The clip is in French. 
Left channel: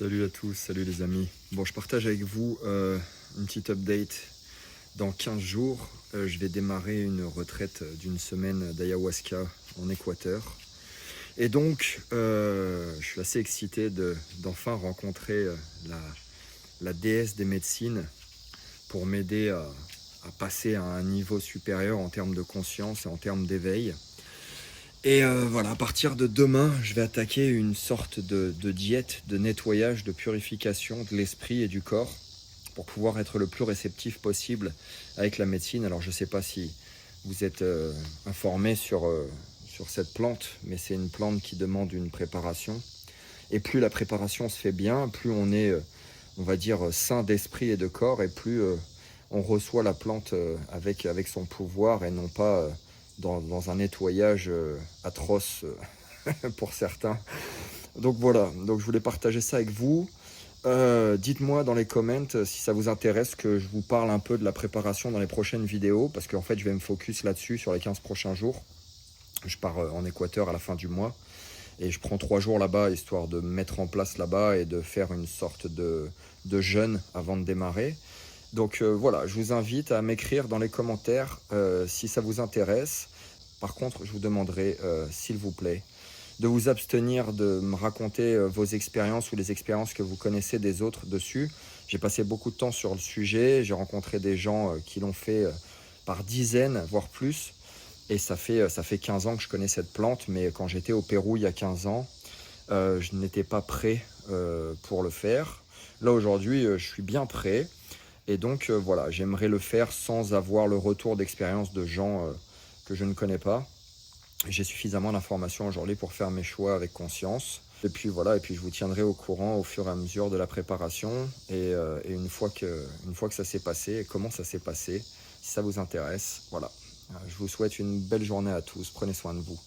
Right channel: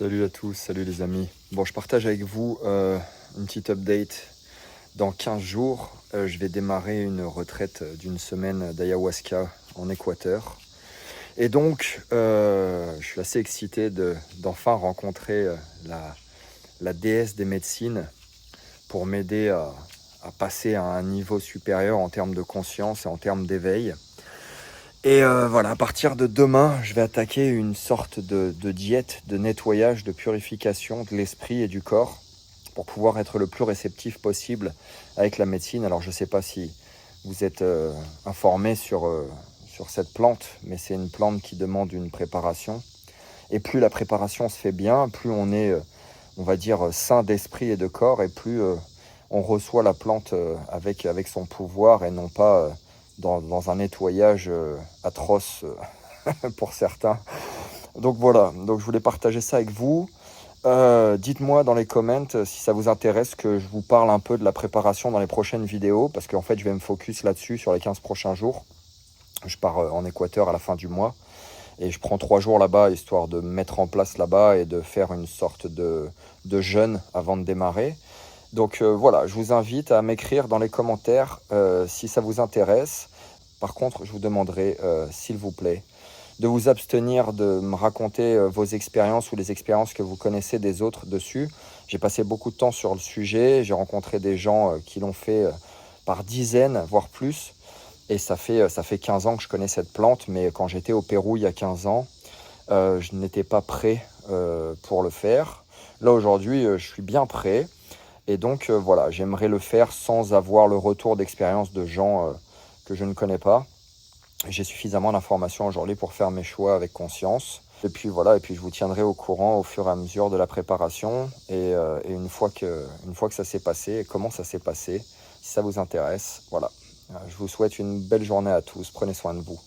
Salut à tous, salut les amis. Bon, je partage avec vous une petite update. Dans 15 jours, je vais démarrer une retraite d'une semaine d'ayahuasca en Équateur. Et donc, je suis assez excité d'enfin rencontrer la déesse des médecines pour m'aider à passer à un niveau supérieur en termes de conscience et en termes d'éveil. Et voilà, à partir de demain, je vais attaquer une sorte de diète, de nettoyage, de purification de l'esprit et du corps pour pouvoir être le plus réceptif possible avec la médecine. Alors je ne sais pas si vous êtes informé sur cette plante, mais c'est une plante qui demande une préparation. Et plus la préparation se fait bien, plus on est, on va dire, sain d'esprit et de corps, et plus on reçoit la plante avec son pouvoir et non pas dans un nettoyage atroce pour certains. Donc voilà, donc je voulais partager ça avec vous. Dites-moi dans les comments si ça vous intéresse que je vous parle un peu de la préparation dans les prochaines vidéos, parce qu'en fait je vais me focus là-dessus sur les 15 prochains jours. Je pars en Équateur à la fin du mois et je prends 3 jours là-bas histoire de me mettre en place là-bas et de faire une sorte de jeûne avant de démarrer. Donc voilà, je vous invite à m'écrire dans les commentaires si ça vous intéresse. Par contre, je vous demanderai, s'il vous plaît, de vous abstenir de me raconter vos expériences ou les expériences que vous connaissez des autres dessus. J'ai passé beaucoup de temps sur le sujet, j'ai rencontré des gens qui l'ont fait par dizaines, voire plus. Et ça fait 15 ans que je connais cette plante, mais quand j'étais au Pérou il y a 15 ans, je n'étais pas prêt pour le faire. Là aujourd'hui, je suis bien prêt. Et donc voilà, j'aimerais le faire sans avoir le retour d'expérience de gens que je ne connais pas. J'ai suffisamment d'informations aujourd'hui pour faire mes choix avec conscience. Et puis voilà, et puis je vous tiendrai au courant au fur et à mesure de la préparation. Et une fois que ça s'est passé, et comment ça s'est passé, si ça vous intéresse, voilà. Je vous souhaite une belle journée à tous, prenez soin de vous.